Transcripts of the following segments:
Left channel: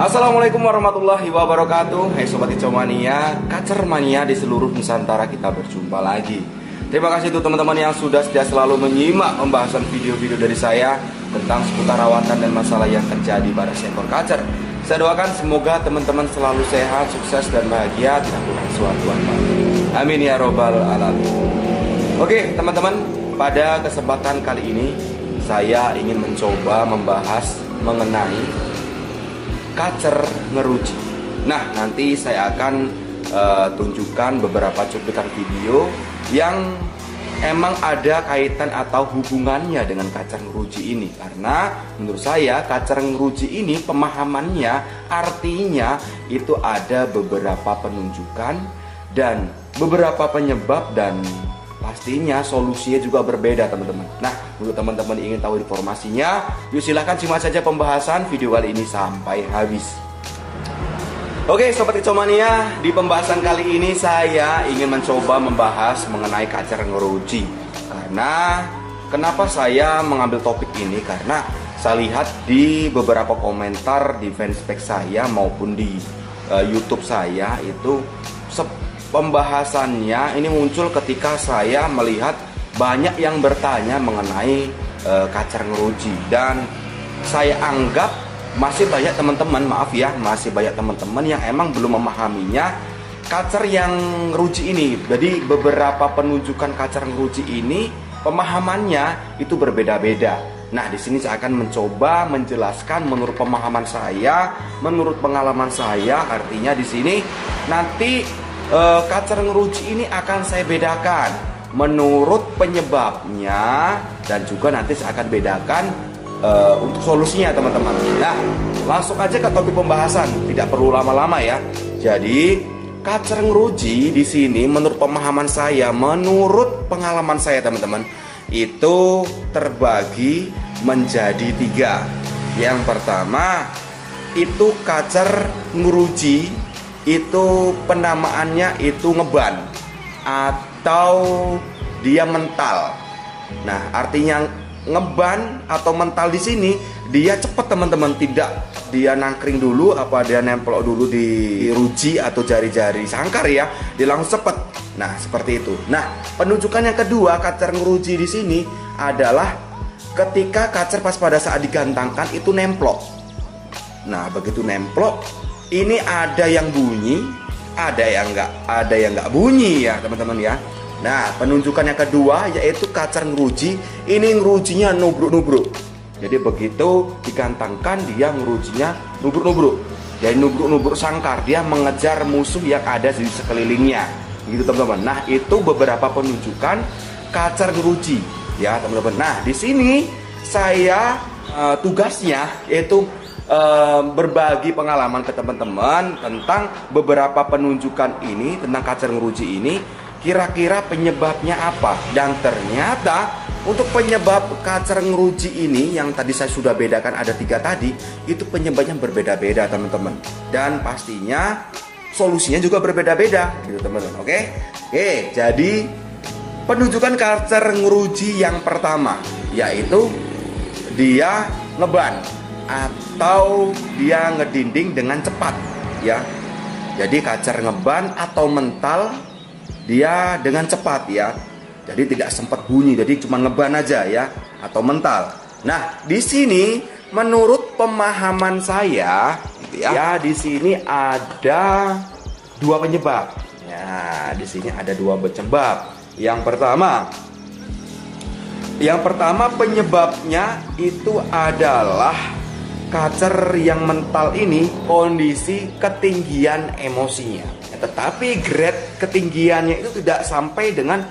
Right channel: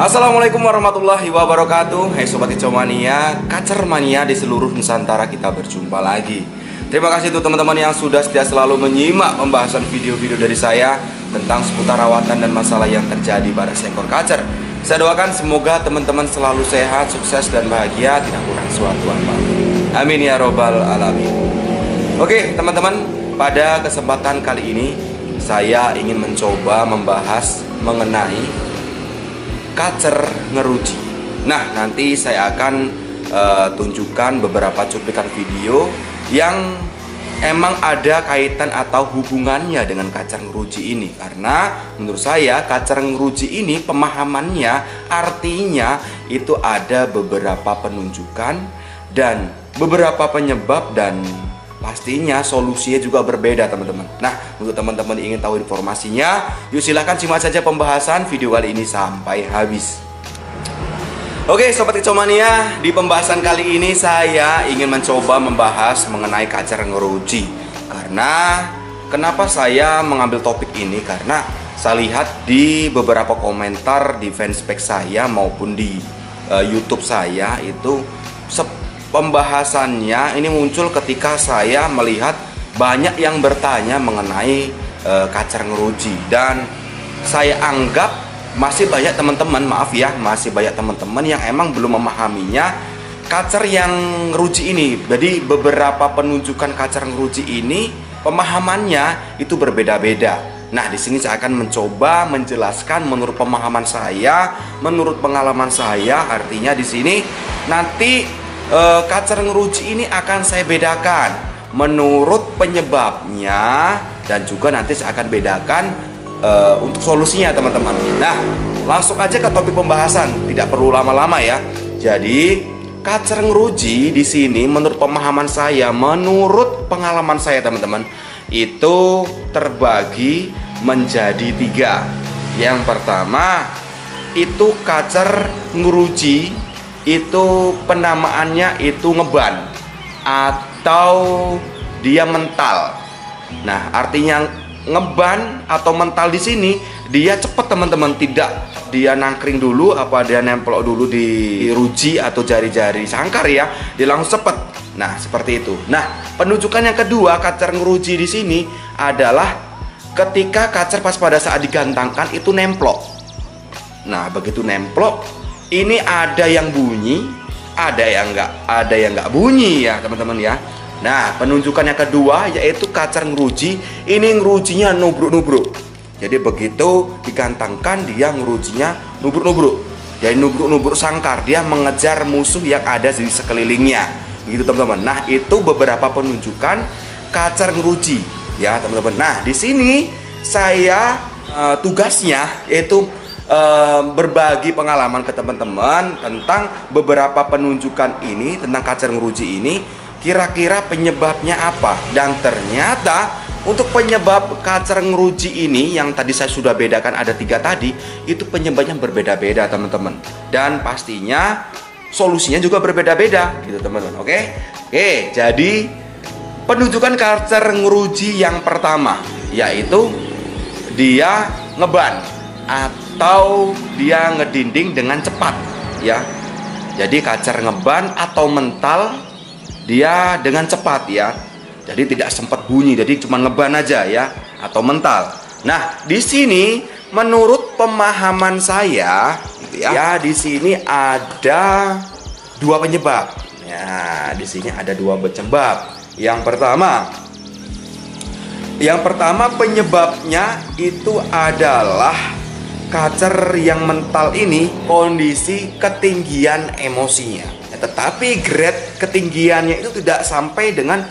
Assalamualaikum warahmatullahi wabarakatuh. Hai Sobat Kicau Mania, Kacer Mania di seluruh Nusantara, kita berjumpa lagi. Terima kasih untuk teman-teman yang sudah setia selalu menyimak pembahasan video-video dari saya tentang seputar rawatan dan masalah yang terjadi pada seekor kacer. Saya doakan semoga teman-teman selalu sehat, sukses dan bahagia, tidak kurang suatu apa. Amin ya robbal alamin. Oke teman-teman, pada kesempatan kali ini saya ingin mencoba membahas mengenai kacer ngeruji. Nah, nanti saya akan tunjukkan beberapa cuplikan video yang emang ada kaitan atau hubungannya dengan kacer ngeruji ini. Karena menurut saya kacer ngeruji ini pemahamannya artinya itu ada beberapa penunjukan dan beberapa penyebab, dan pastinya solusinya juga berbeda teman-teman. Nah, untuk teman-teman ingin tahu informasinya, yuk silahkan simak saja pembahasan video kali ini sampai habis. Oke Sobat Kicau Mania, di pembahasan kali ini saya ingin mencoba membahas mengenai kacer ngeruji. Karena kenapa saya mengambil topik ini? Karena saya lihat di beberapa komentar di fanspage saya maupun di YouTube saya itu pembahasannya ini muncul ketika saya melihat banyak yang bertanya mengenai kacer ngeruji, dan saya anggap masih banyak teman-teman, maaf ya, masih banyak teman-teman yang emang belum memahaminya kacer yang ngeruji ini. Jadi beberapa penunjukan kacer ngeruji ini pemahamannya itu berbeda-beda. Nah, di sini saya akan mencoba menjelaskan menurut pemahaman saya, menurut pengalaman saya. Artinya di sini nanti kacer ngeruji ini akan saya bedakan menurut penyebabnya, dan juga nanti saya akan bedakan untuk solusinya teman-teman. Nah, langsung aja ke topik pembahasan, tidak perlu lama-lama ya. Jadi kacer ngeruji di sini menurut pemahaman saya, menurut pengalaman saya teman-teman, itu terbagi menjadi 3. Yang pertama itu kacer ngeruji itu penamaannya itu ngeban atau dia mental. Nah, artinya ngeban atau mental di sini dia cepat teman-teman, tidak dia nangkring dulu apa dia nempel dulu di ruji atau jari-jari sangkar ya, dia langsung cepat. Nah, seperti itu. Nah, penunjukan yang kedua kacer ngeruji di sini adalah ketika kacer pas pada saat digantangkan itu nemplok. Nah, begitu nemplok ini ada yang bunyi, ada yang nggak bunyi ya teman-teman ya. Nah, penunjukan yang kedua yaitu kacer ngeruji. Ini ngerujinya nubruk-nubruk. Jadi begitu digantangkan dia ngerujinya nubruk-nubruk. Jadi nubruk-nubruk sangkar, dia mengejar musuh yang ada di sekelilingnya. Begitu teman-teman. Nah, itu beberapa penunjukan kacer ngeruji ya teman-teman. Nah, di sini saya tugasnya yaitu berbagi pengalaman ke teman-teman tentang beberapa penunjukan ini, tentang kacer ngeruji ini, kira-kira penyebabnya apa. Dan ternyata untuk penyebab kacer ngeruji ini yang tadi saya sudah bedakan ada 3 tadi, itu penyebabnya berbeda-beda teman-teman, dan pastinya solusinya juga berbeda-beda gitu teman-teman. Oke, jadi penunjukan kacer ngeruji yang pertama yaitu dia ngeban atau dia ngedinding dengan cepat ya. Jadi kacer ngeban atau mental dia dengan cepat ya. Jadi tidak sempat bunyi, jadi cuma ngeban aja ya, atau mental. Nah, di sini menurut pemahaman saya gitu ya, di sini ada 2 penyebab. Ya, di sini ada 2 penyebab. Yang pertama penyebabnya itu adalah kacer yang mental ini kondisi ketinggian emosinya, tetapi grade ketinggiannya itu tidak sampai dengan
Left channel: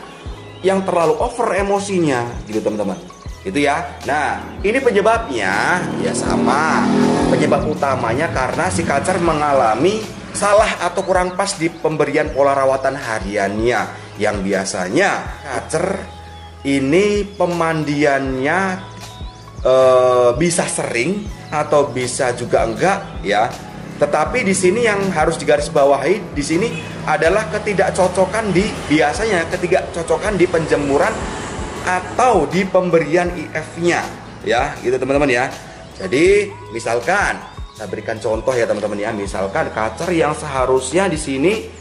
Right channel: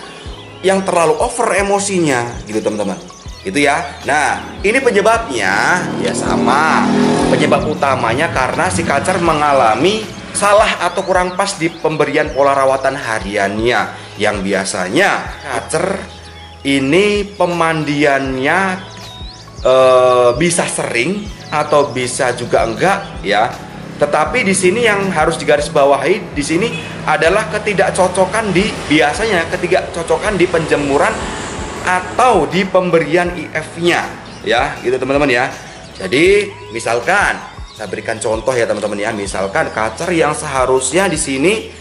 yang terlalu over emosinya gitu teman-teman. Itu ya. Nah, ini penyebabnya ya sama. Penyebab utamanya karena si kacer mengalami salah atau kurang pas di pemberian pola rawatan hariannya, yang biasanya kacer ini pemandiannya bisa sering atau bisa juga enggak ya. Tetapi di sini yang harus digarisbawahi di sini adalah ketidakcocokan di penjemuran atau di pemberian IF-nya ya, gitu teman-teman ya. Jadi misalkan Saya berikan contoh ya teman-teman ya. Misalkan kacer yang seharusnya di sini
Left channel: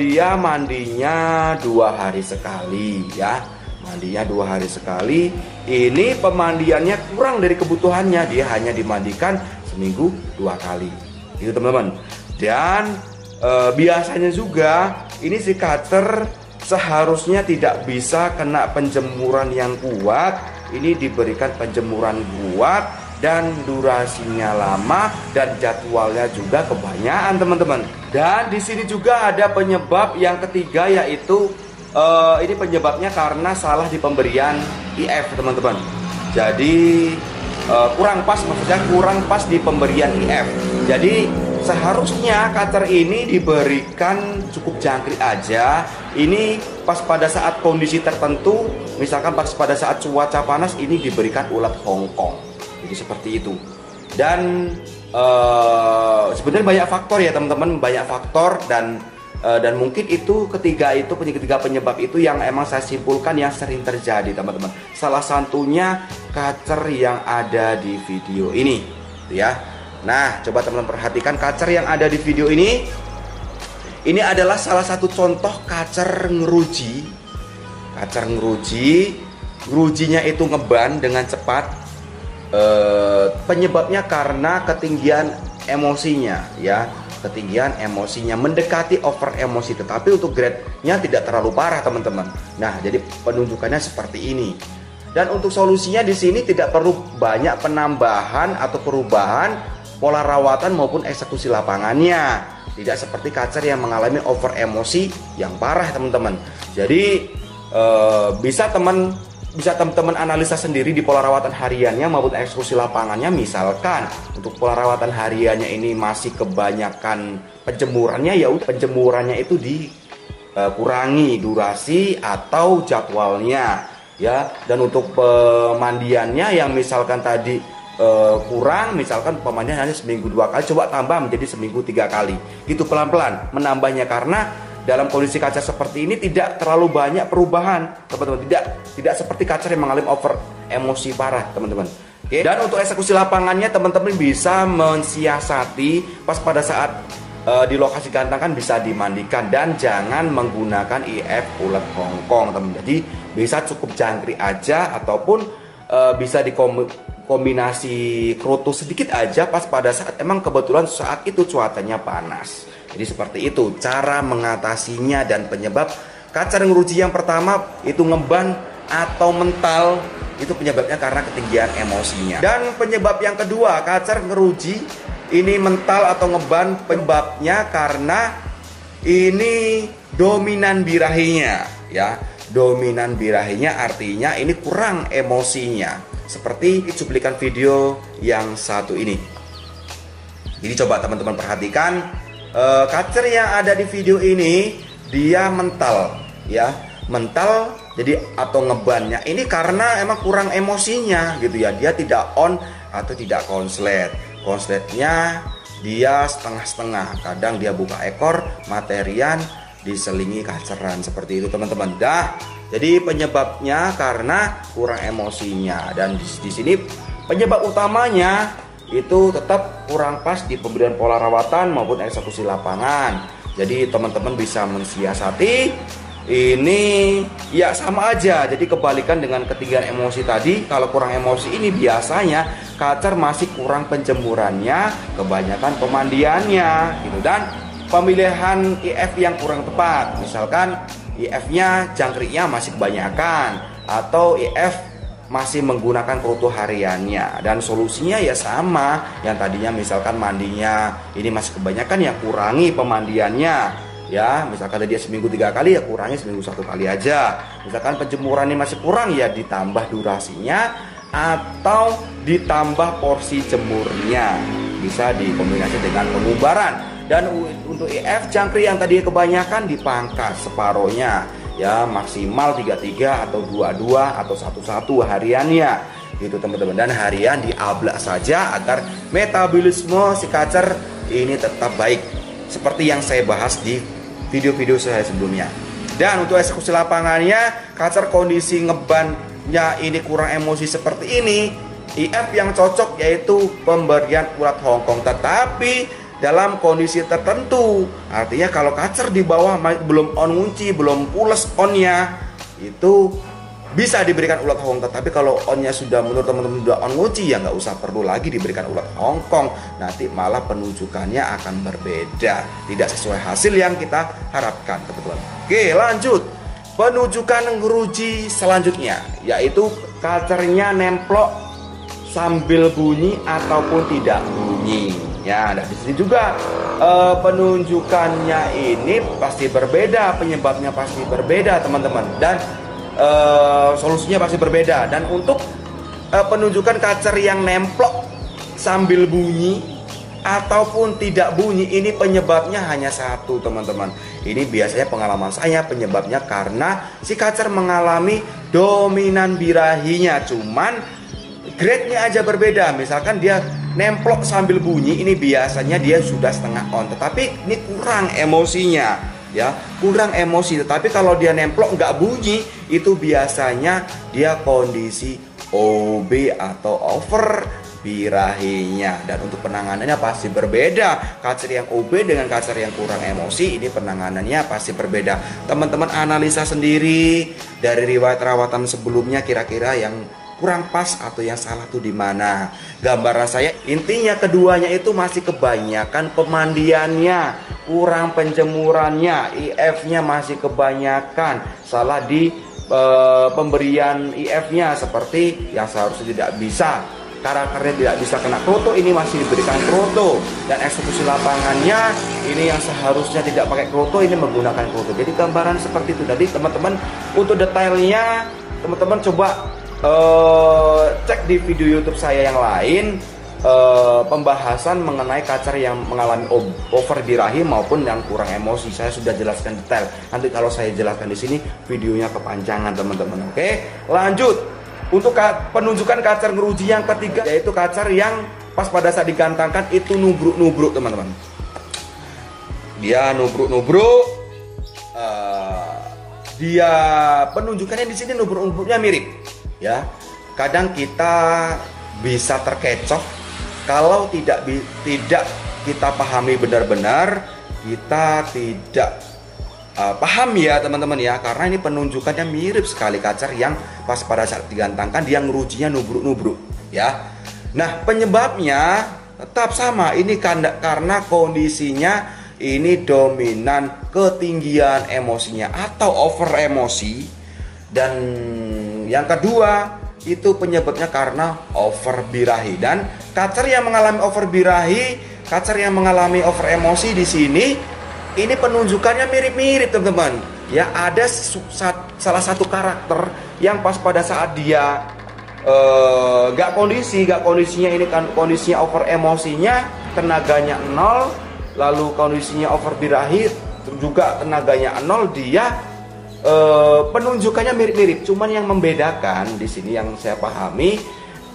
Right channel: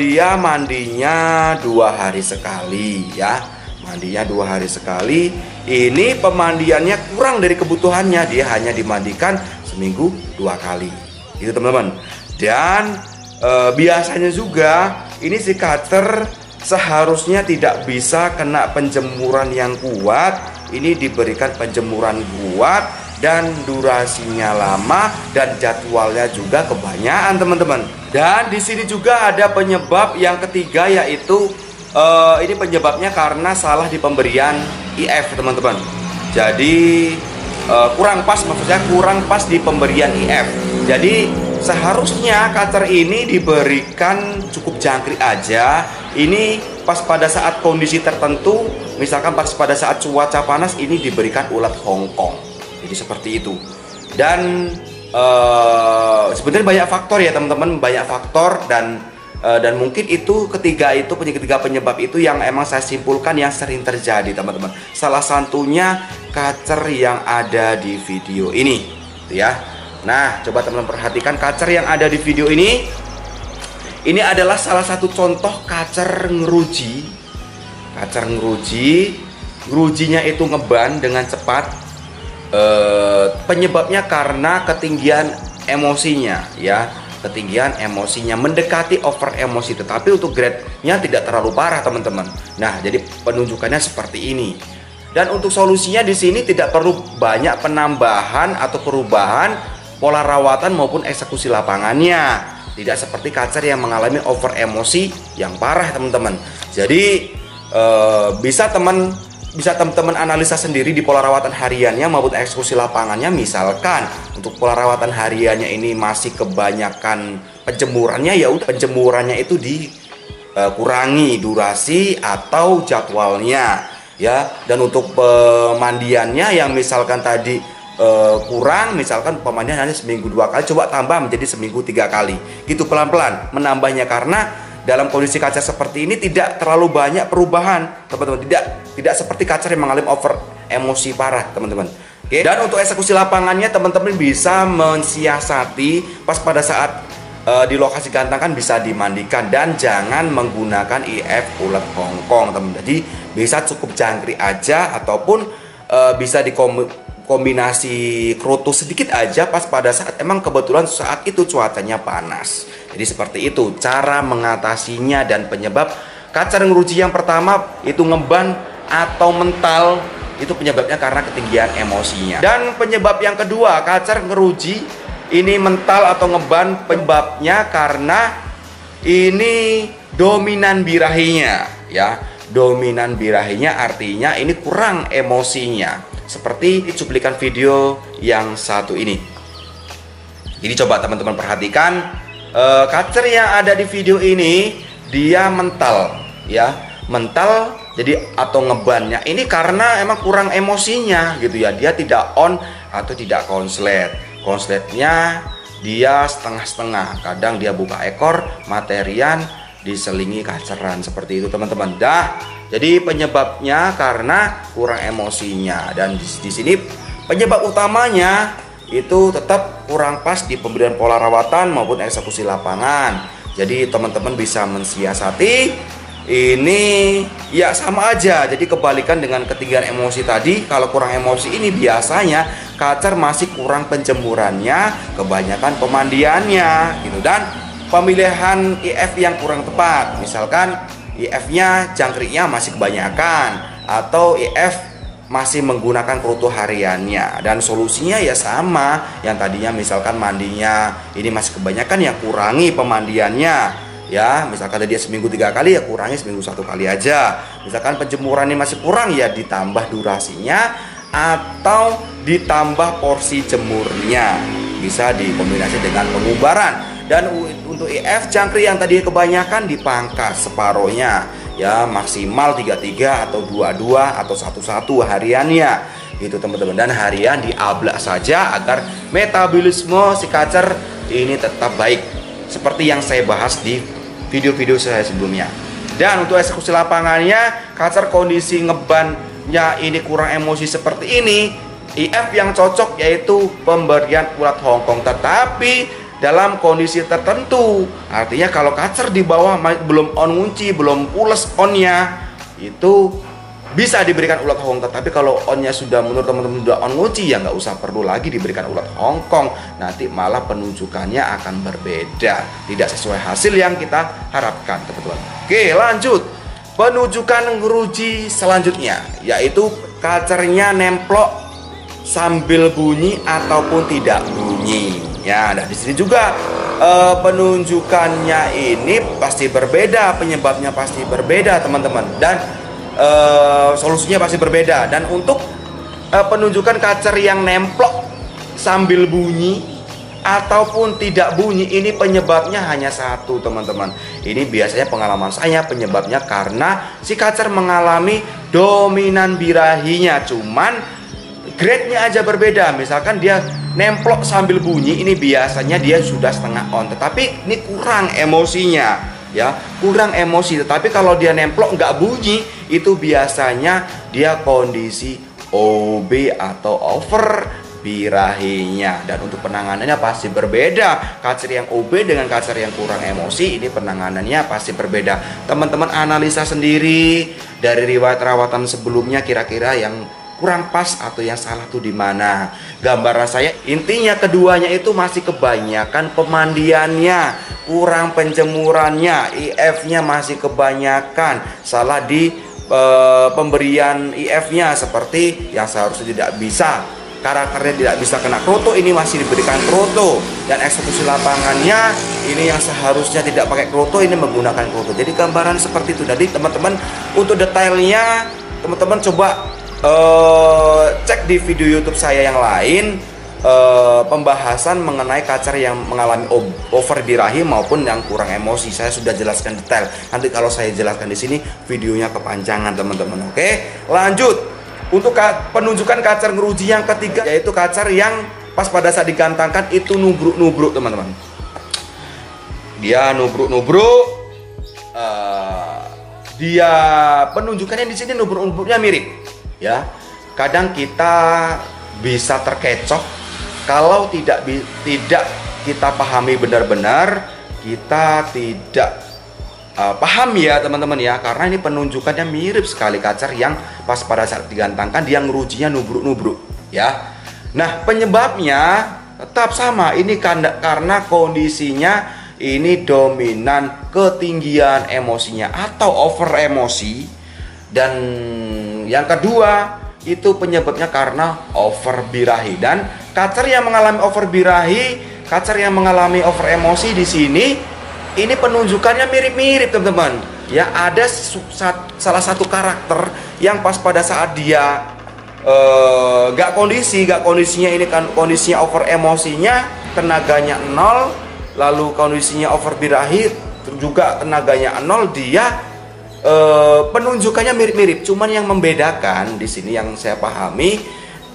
dia mandinya 2 hari sekali ya. Mandinya 2 hari sekali. Ini pemandiannya kurang dari kebutuhannya. Dia hanya dimandikan seminggu 2 kali. Itu teman-teman. Dan biasanya juga ini si kacer seharusnya tidak bisa kena penjemuran yang kuat. Ini diberikan penjemuran kuat dan durasinya lama dan jadwalnya juga kebanyakan teman-teman. Dan di sini juga ada penyebab yang ketiga, yaitu ini penyebabnya karena salah di pemberian IF teman-teman. Jadi kurang pas, maksudnya kurang pas di pemberian IF. Jadi seharusnya kacer ini diberikan cukup jangkrik aja. Ini pas pada saat kondisi tertentu, misalkan pas pada saat cuaca panas, ini diberikan ulat Hongkong. Jadi seperti itu. Dan sebenarnya banyak faktor ya teman-teman, banyak faktor dan mungkin itu ketiga penyebab itu yang emang saya simpulkan yang sering terjadi teman-teman. Salah satunya kacer yang ada di video ini, ya. Nah, coba teman-teman perhatikan kacer yang ada di video ini. Ini adalah salah satu contoh kacer ngeruji. Kacer ngeruji, ngerujinya itu ngeban dengan cepat. Penyebabnya karena ketinggian emosinya ya, ketinggian emosinya mendekati over emosi, tetapi untuk grade-nya tidak terlalu parah teman-teman. Nah, jadi penunjukannya seperti ini. Dan untuk solusinya di sini tidak perlu banyak penambahan atau perubahan pola rawatan maupun eksekusi lapangannya. Tidak seperti kacer yang mengalami over emosi yang parah teman-teman. Jadi bisa teman-teman analisa sendiri di pola rawatan hariannya maupun eksekusi lapangannya. Misalkan untuk pola rawatan hariannya ini masih kebanyakan penjemurannya, ya udah penjemurannya itu dikurangi durasi atau jadwalnya ya. Dan untuk pemandiannya yang misalkan tadi kurang, misalkan pemandian hanya seminggu 2 kali, coba tambah menjadi seminggu 3 kali gitu, pelan-pelan menambahnya. Karena dalam kondisi kacer seperti ini tidak terlalu banyak perubahan teman-teman, tidak seperti kacer yang mengalami over emosi parah teman-teman. Oke. Dan untuk eksekusi lapangannya teman-teman bisa mensiasati pas pada saat di lokasi gantang kan bisa dimandikan, dan jangan menggunakan IF ulat Hongkong teman. Jadi bisa cukup jangkrik aja ataupun bisa kombinasi kerutu sedikit aja pas pada saat emang kebetulan saat itu cuacanya panas. Jadi seperti itu cara mengatasinya. Dan penyebab kacer ngeruji yang pertama itu ngeban atau mental, itu penyebabnya karena ketinggian emosinya. Dan penyebab yang kedua kacer ngeruji ini mental atau ngeban, penyebabnya karena ini dominan birahinya ya. Dominan birahinya artinya ini kurang emosinya. Seperti cuplikan video yang satu ini. Jadi coba teman-teman perhatikan kacer yang ada di video ini, dia mental ya, mental. Jadi atau ngebannya ini karena emang kurang emosinya gitu ya. Dia tidak on atau tidak konslet. Konsletnya dia setengah-setengah. Kadang dia buka ekor, materian diselingi kaceran seperti itu teman-teman. Jadi penyebabnya karena kurang emosinya. Dan di sini penyebab utamanya itu tetap kurang pas di pemberian pola rawatan maupun eksekusi lapangan. Jadi teman-teman bisa mensiasati ini ya sama aja. Jadi kebalikan dengan ketinggian emosi tadi. Kalau kurang emosi ini biasanya kacer masih kurang penjemurannya, kebanyakan pemandiannya gitu. Dan pemilihan IF yang kurang tepat, misalkan IF-nya jangkriknya masih kebanyakan atau IF masih menggunakan kerutu hariannya. Dan solusinya ya sama yang tadinya, misalkan mandinya ini masih kebanyakan, ya kurangi pemandiannya ya. Misalkan tadi seminggu 3 kali, ya kurangi seminggu 1 kali aja. Misalkan penjemurannya masih kurang, ya ditambah durasinya atau ditambah porsi jemurnya. Bisa dikombinasi dengan pengubaran. Dan untuk IF jangkrik yang tadi kebanyakan dipangkas separohnya ya, maksimal 33 atau 22 atau 11 hariannya gitu teman-teman. Dan harian diablak saja agar metabolisme si kacer ini tetap baik, seperti yang saya bahas di video-video saya sebelumnya. Dan untuk eksekusi lapangannya, kacer kondisi ngebannya ini kurang emosi seperti ini, IF yang cocok yaitu pemberian ulat Hongkong, tetapi dalam kondisi tertentu. Artinya kalau kacer di bawah belum on ngunci, belum pules onnya, itu bisa diberikan ulat Hongkong. Tetapi kalau onnya sudah, menurut teman-teman sudah on ngunci, ya nggak usah perlu lagi diberikan ulat Hongkong. Nanti malah penunjukannya akan berbeda, tidak sesuai hasil yang kita harapkan, teman-teman. Oke, lanjut. Penunjukan ngeruji selanjutnya yaitu kacernya nemplok sambil bunyi ataupun tidak bunyi. Ya, nah di sini juga penunjukannya ini pasti berbeda, penyebabnya pasti berbeda, teman-teman, dan solusinya pasti berbeda. Dan untuk penunjukan kacer yang nemplok sambil bunyi ataupun tidak bunyi, ini penyebabnya hanya satu, teman-teman. Ini biasanya pengalaman saya, penyebabnya karena si kacer mengalami dominan birahinya, cuman grade-nya aja berbeda. Misalkan dia nemplok sambil bunyi, ini biasanya dia sudah setengah on, tetapi ini kurang emosinya, ya, kurang emosi. Tetapi kalau dia nemplok nggak bunyi, itu biasanya dia kondisi OB atau over birahinya. Dan untuk penanganannya pasti berbeda. Kacer yang OB dengan kacer yang kurang emosi, ini penanganannya pasti berbeda. Teman-teman analisa sendiri dari riwayat rawatan sebelumnya, kira-kira yang kurang pas atau yang salah tuh di mana. Gambaran saya intinya keduanya itu masih kebanyakan pemandiannya, kurang penjemurannya, IF-nya masih kebanyakan, salah di pemberian IF-nya, seperti yang seharusnya tidak bisa, karakternya tidak bisa kena kroto, ini masih diberikan kroto, dan eksekusi lapangannya ini yang seharusnya tidak pakai kroto, ini menggunakan kroto. Jadi gambaran seperti itu. Jadi teman-teman untuk detailnya teman-teman coba cek di video YouTube saya yang lain, pembahasan mengenai kacer yang mengalami over birahi maupun yang kurang emosi. Saya sudah jelaskan detail. Nanti kalau saya jelaskan di sini videonya kepanjangan, teman-teman. Oke, lanjut. Untuk penunjukan kacer ngeruji yang ketiga yaitu kacer yang pas pada saat digantangkan itu nubruk-nubruk, teman-teman. Dia nubruk-nubruk. Dia penunjukannya di sini nubruk-nubruknya mirip. Ya, kadang kita bisa terkecoh kalau tidak kita pahami benar-benar, kita tidak paham ya teman-teman ya, karena ini penunjukannya mirip sekali kacer yang pas pada saat digantangkan dia ngerujinya nubruk-nubruk ya. Nah penyebabnya tetap sama, ini karena kondisinya ini dominan ketinggian emosinya atau over emosi. Dan yang kedua itu penyebabnya karena over birahi. Dan kacer yang mengalami over birahi, kacer yang mengalami over emosi di sini, ini penunjukannya mirip-mirip, teman-teman. Ya, ada salah satu karakter yang pas pada saat dia kondisinya ini kan kondisinya over emosinya, tenaganya 0, lalu kondisinya over birahi juga tenaganya 0, dia penunjukannya mirip-mirip, cuman yang membedakan di sini yang saya pahami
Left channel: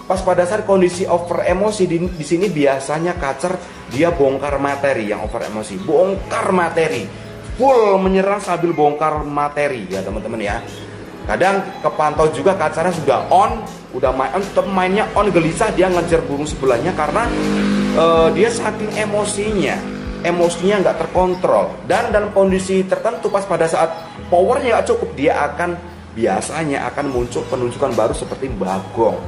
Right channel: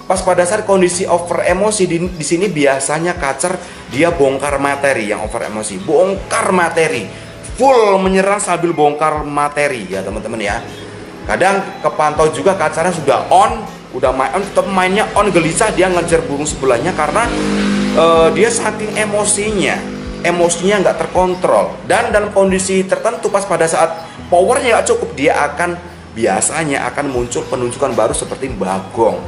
pas pada saat kondisi over emosi di sini biasanya kacer dia bongkar materi. Yang over emosi bongkar materi, full menyerang sambil bongkar materi ya teman-teman ya. Kadang kepantau juga kacernya sudah on, udah main on, tetap mainnya on, gelisah dia ngejar burung sebelahnya karena dia saking emosinya nggak terkontrol. Dan dalam kondisi tertentu pas pada saat powernya nggak cukup, dia biasanya akan muncul penunjukan baru seperti bagong,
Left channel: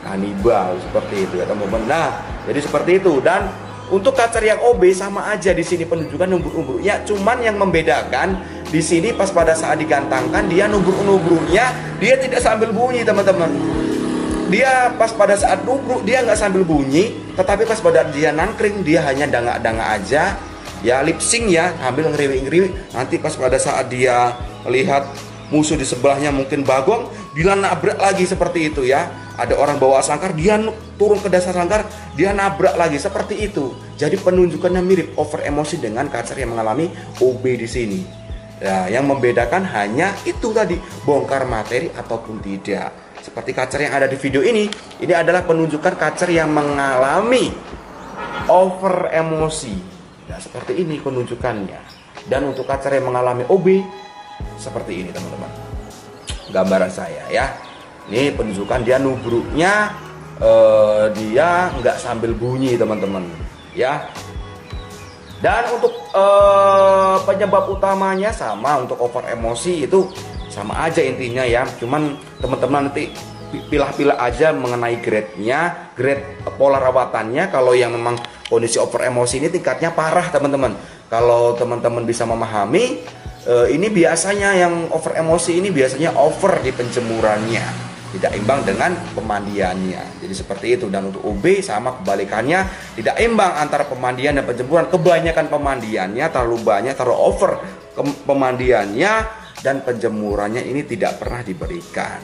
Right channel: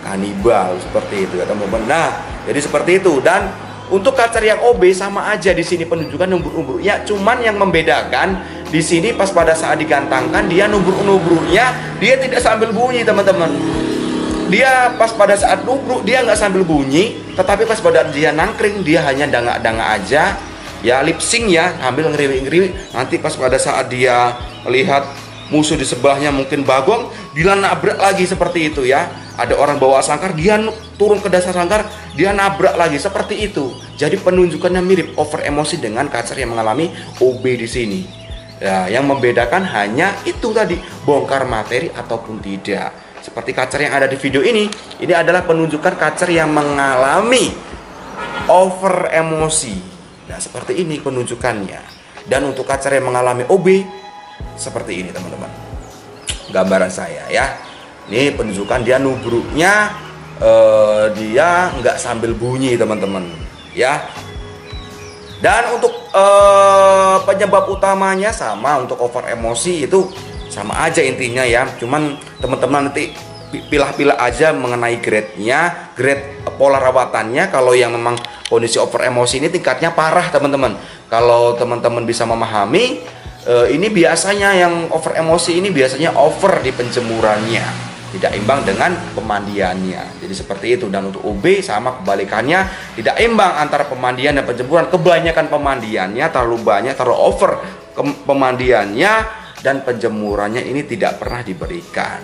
kanibal, seperti itu ya teman-teman. Nah jadi seperti itu. Dan untuk kacer yang OB sama aja di sini penunjukan nubruk-nubruknya, cuman yang membedakan di sini pas pada saat digantangkan dia nubruk-nubruknya dia tidak sambil bunyi, teman-teman. Dia pas pada saat nubruk dia nggak sambil bunyi, tetapi pas pada dia nangkring dia hanya dangak-dangak aja ya, lip sync ya, sambil ngeriwi-ngeriwi. Nanti pas pada saat dia melihat musuh di sebelahnya mungkin bagong, dia nabrak lagi seperti itu ya. Ada orang bawa sangkar, dia turun ke dasar sangkar, dia nabrak lagi seperti itu. Jadi penunjukannya mirip over emosi dengan kacer yang mengalami OB di sini. Ya, yang membedakan hanya itu tadi, bongkar materi ataupun tidak. Seperti kacer yang ada di video ini adalah penunjukan kacer yang mengalami over emosi. Nah, seperti ini penunjukannya. Dan untuk kacer yang mengalami OB seperti ini, teman-teman. Gambaran saya ya. Ini penunjukan dia nubruknya dia nggak sambil bunyi teman-teman ya. Dan untuk penyebab utamanya sama, untuk over emosi itu sama aja intinya ya. Cuman teman-teman nanti pilah-pilah aja mengenai grade-nya, grade pola rawatannya. Kalau yang memang kondisi over emosi ini tingkatnya parah teman-teman. Kalau teman-teman bisa memahami, ini biasanya yang over emosi ini biasanya over di penjemurannya, tidak imbang dengan pemandiannya. Jadi seperti itu. Dan untuk OB sama kebalikannya, tidak imbang antara pemandian dan penjemuran. Kebanyakan pemandiannya terlalu banyak, terlalu over pemandiannya, dan penjemurannya ini tidak pernah diberikan.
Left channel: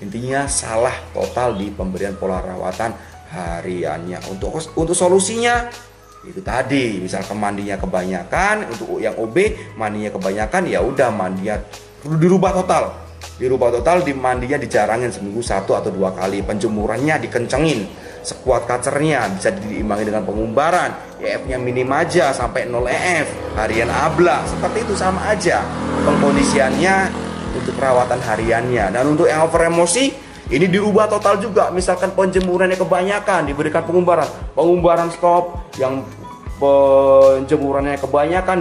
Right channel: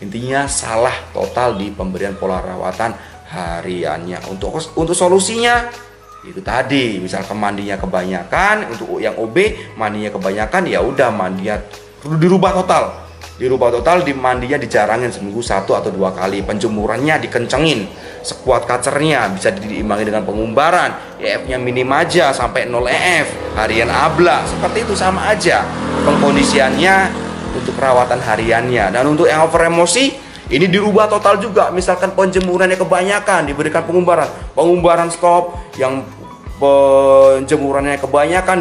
Intinya salah total di pemberian pola rawatan hariannya. Untuk solusinya itu tadi, misalkan mandinya kebanyakan, untuk yang OB mandinya kebanyakan, ya udah mandinya perlu dirubah total, di mandinya dijarangin seminggu 1 atau 2 kali, penjemurannya dikencengin, sekuat kacernya bisa diimbangi dengan pengumbaran, EF-nya minim aja sampai 0 EF, harian abla, seperti itu sama aja pengkondisiannya untuk perawatan hariannya. Dan untuk yang over emosi ini dirubah total juga, misalkan penjemurannya kebanyakan diberikan pengumbaran stop, yang penjemurannya kebanyakan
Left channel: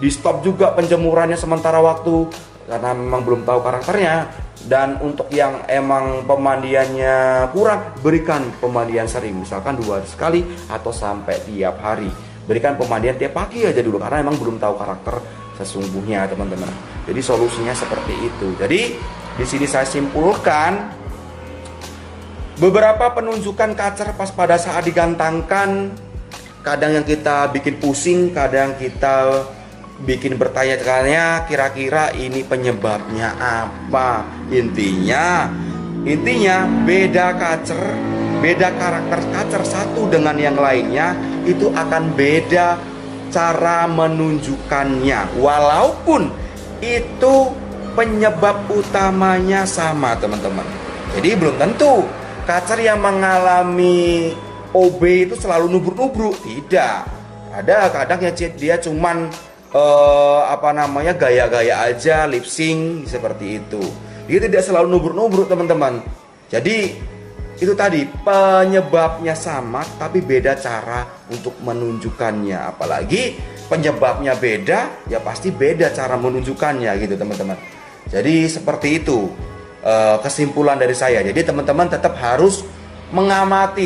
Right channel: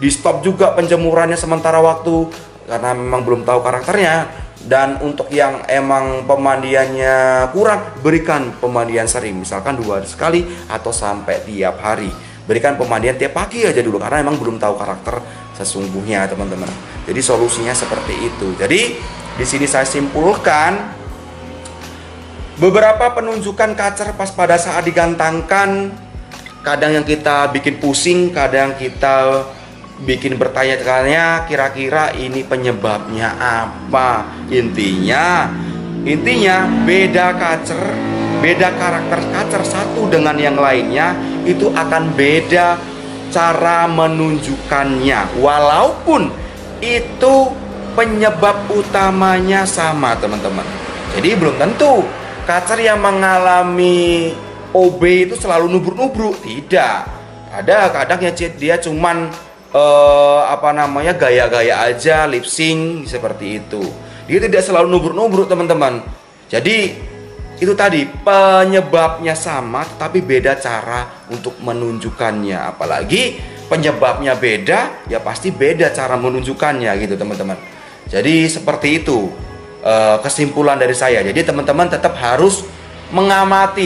di stop juga penjemurannya sementara waktu karena memang belum tahu karakternya. Dan untuk yang emang pemandiannya kurang, berikan pemandian sering, misalkan 2 hari sekali atau sampai tiap hari. Berikan pemandian tiap pagi aja dulu karena emang belum tahu karakter sesungguhnya teman-teman. Jadi solusinya seperti itu. Jadi di sini saya simpulkan beberapa penunjukan kacer pas pada saat digantangkan, kadang yang kita bikin pusing, kadang kita bikin bertanya-tanya kira-kira ini penyebabnya apa. Intinya beda karakter kacer satu dengan yang lainnya itu akan beda cara menunjukkannya, walaupun itu penyebab utamanya sama teman-teman. Jadi belum tentu kacer yang mengalami OB itu selalu nubruk-nubruk, tidak. Ada kadang ya dia cuman gaya-gaya aja, lip sync seperti itu. Dia tidak selalu nubruk-nubruk teman-teman. Jadi itu tadi, penyebabnya sama tapi beda cara untuk menunjukkannya. Apalagi penyebabnya beda, ya pasti beda cara menunjukkannya gitu teman-teman. Jadi seperti itu kesimpulan dari saya. Jadi teman-teman tetap harus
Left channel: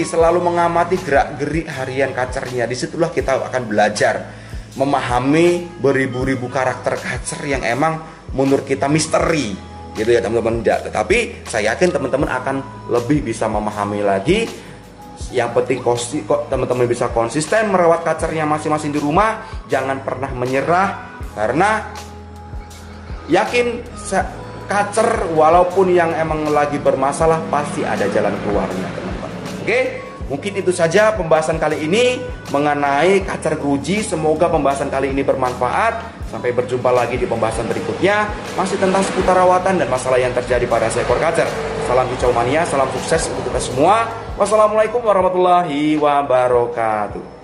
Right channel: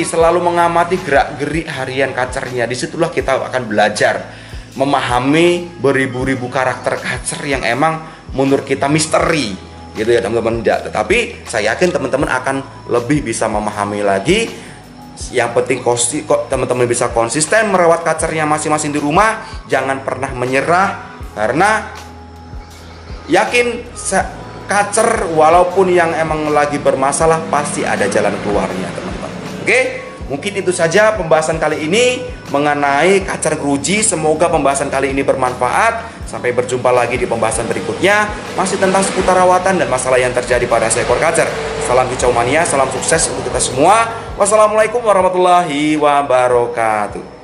selalu mengamati gerak-gerik harian kacernya. Disitulah kita akan belajar memahami beribu-ribu karakter kacer yang emang menurut kita misteri gitu ya teman-teman. Tetapi saya yakin teman-teman akan lebih bisa memahami lagi. Yang penting teman-teman bisa konsisten merawat kacernya masing-masing di rumah. Jangan pernah menyerah, karena yakin kacer walaupun yang emang lagi bermasalah pasti ada jalan keluarnya teman-teman. Oke, mungkin itu saja pembahasan kali ini mengenai kacer geruji. Semoga pembahasan kali ini bermanfaat. Sampai berjumpa lagi di pembahasan berikutnya, masih tentang seputar rawatan dan masalah yang terjadi pada seekor kacer. Salam kicau mania, salam sukses untuk kita semua. Wassalamualaikum warahmatullahi wabarakatuh.